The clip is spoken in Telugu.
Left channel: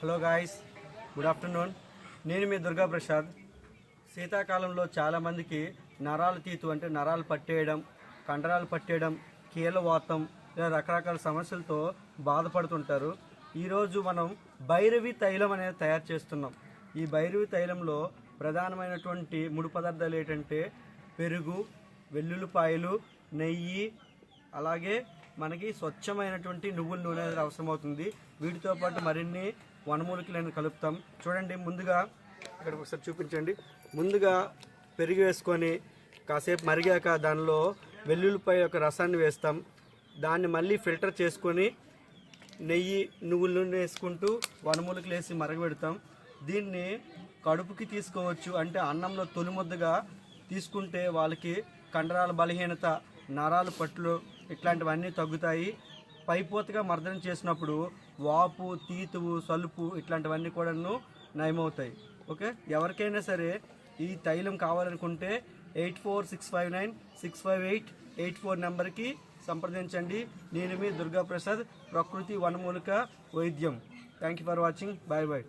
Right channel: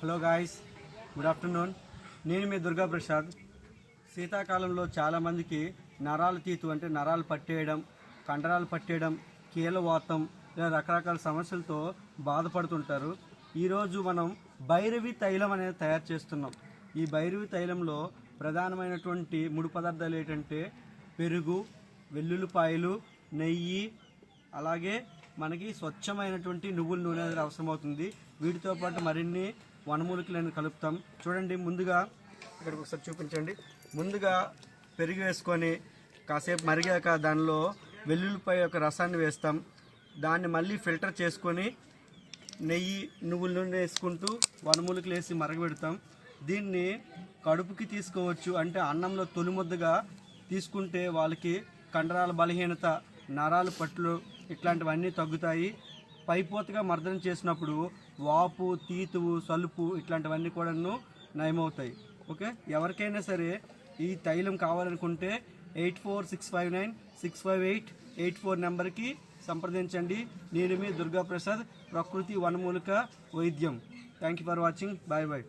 Hello guys, good afternoon. నేను మీ దుర్గా ప్రసాద్. శీతాకాలంలో చాలామందికి నరాలు తీతు అంటే నరాలు పట్టేయడం, కండరాలు పట్టేయడం, కీళ్ళవాతం ఇలా రకరకాల సమస్యలతో బాధపడుతుంటారు. ఈరోజు మనం భైరవి తైలం అనేది తయారు చేస్తున్నాం. ఈ భైరవి తైలంలో ప్రధానమైనటువంటి ముడి పదార్థాలు ఏంటంటే పెరుగు, వెల్లుల్లిపాయలు, నెయ్యి, అలాగే మనకి స్వచ్ఛమైనటువంటి నువ్వుల నూనె అనేది అవసరమవుతుంది. వీటితో పాటు మరిన్ని వనమూలికలను కలుపుతాం. చూడండి, ముందుగా ఇక్కడ ఒకసారి చూపించండి. ముందుగా పెరుగు వేసుకొని కాసేపు మరిగాక దానిలో వెల్లుల్లిపాయ యొక్క రసాన్ని వేస్తాం. దాన్ని మళ్ళీ ఫిల్టర్ చేసుకొని నెయ్యి, నువ్వుల నూనె వేసుకుంటూ వనమూలికలు వేసి మరగబెడతాం. దీన్ని కడుపుకి తీసుకోవచ్చు, అంటే అన్నంలో తొలిముద్దగా తీసుకుంటే వాళ్ళకి కండరాల బలహీనత, నరాలు పట్లు ఇట్లాంటివన్నీ తగ్గుతాయి. పైపోతగా మర్దనం చేసినప్పుడు వాపు, తీతువు, సలుపు ఇట్లాంటివన్నీ కూడా నయమవుతాయి. ఓకే, ఎవరికైనా సరే ఈ తైలం కావాలనుకుంటే 8465965884 నెంబర్కి సంప్రదించండి. నేను మీ దుర్గా ప్రసాద్, ప్రకృతి వనమూలిక వైద్యం. Thank you for watching. Bye bye.